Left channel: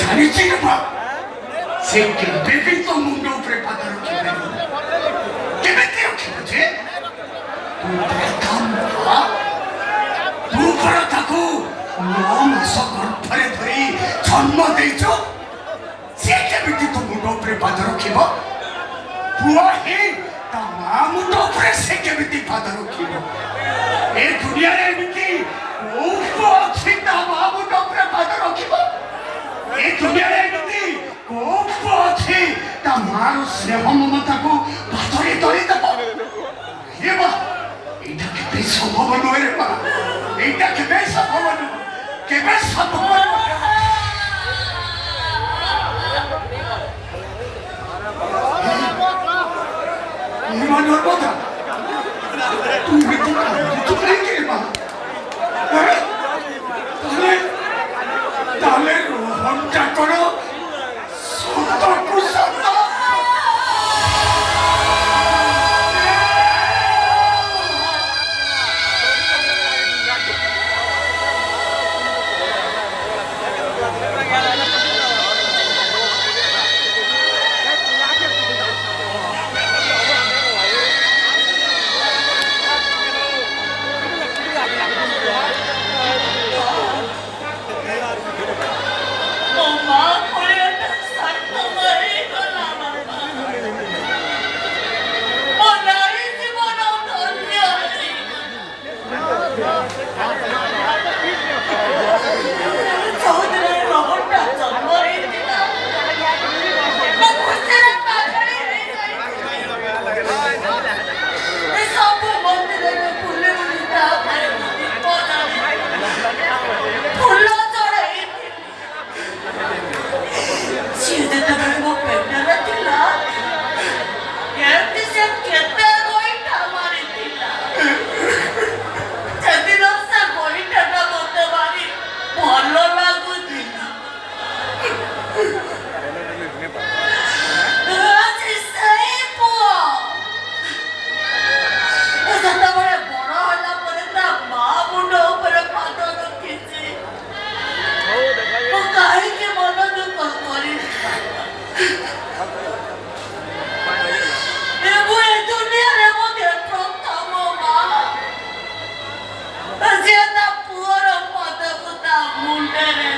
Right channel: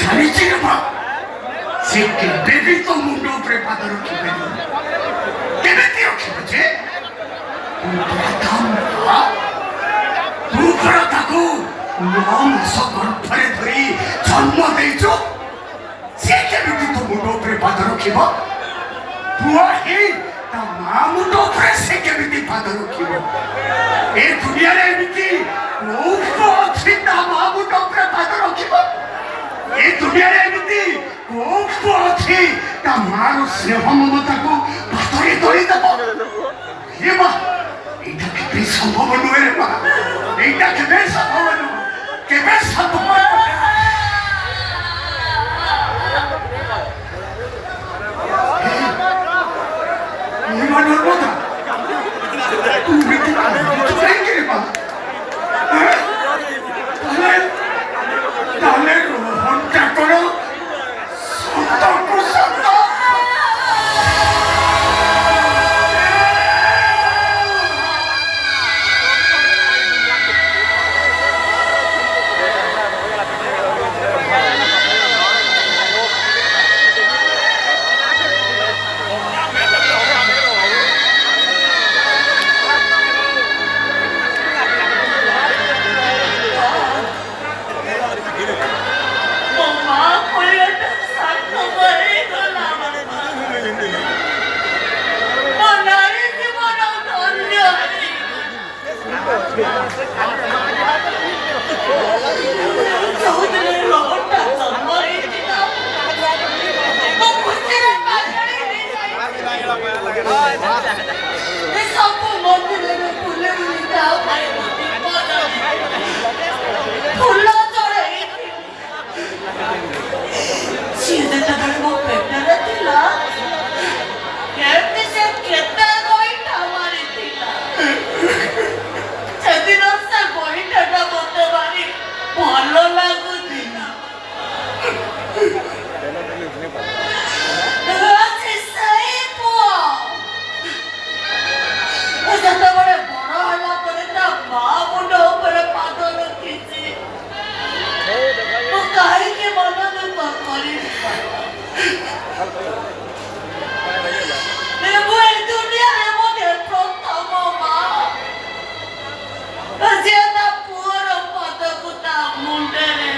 ଜାଣିଛି ନା ସେ କେବେ ବି ତୋ ମୁଣ୍ଡ ଉପରେ ପାଦ ରଖିପାରିବ କେମିତି ରଖିବ ଯେ ତୁ ପରା ତାକୁ 9 ମାସ ଗର୍ଭରେ ଧରି ଜନ୍ମ ଦେଇଛୁ ସେ କେମିତି ତୋ ମୁଣ୍ଡ ଉପରେ ପାଦ ରଖିବ ପୁଅ ହିଁ ତା ମା ମୁଣ୍ଡ ଉପରେ ସେ କେମିତି ପାଦ ରଖିବ ଏ ଦୁନିଆରେ ଏମିତି କୋଉ ପୁଅ ଅଛି ତା ମା ମୁଣ୍ଡ ଉପରେ ପାଦ ରଖିବ ଏ ଦୁନିଆରେ ଏମିତି କୋଉ ପୁଅ ଅଛି ତା ମାର ସ୍ନେହ ମମତାକୁ ପାଦରେ ଧରିଦେବ ଏ ମା এইটা কেবে সম্ভব নয় রে মা এইটা কেবে সম্ভব নয় কেবে সম্ভব এমানুর কথা তুমি কি কিছু চাই রে মা তাহলে রোহনটা করো সত্য সত্য Puoro padaku ta munde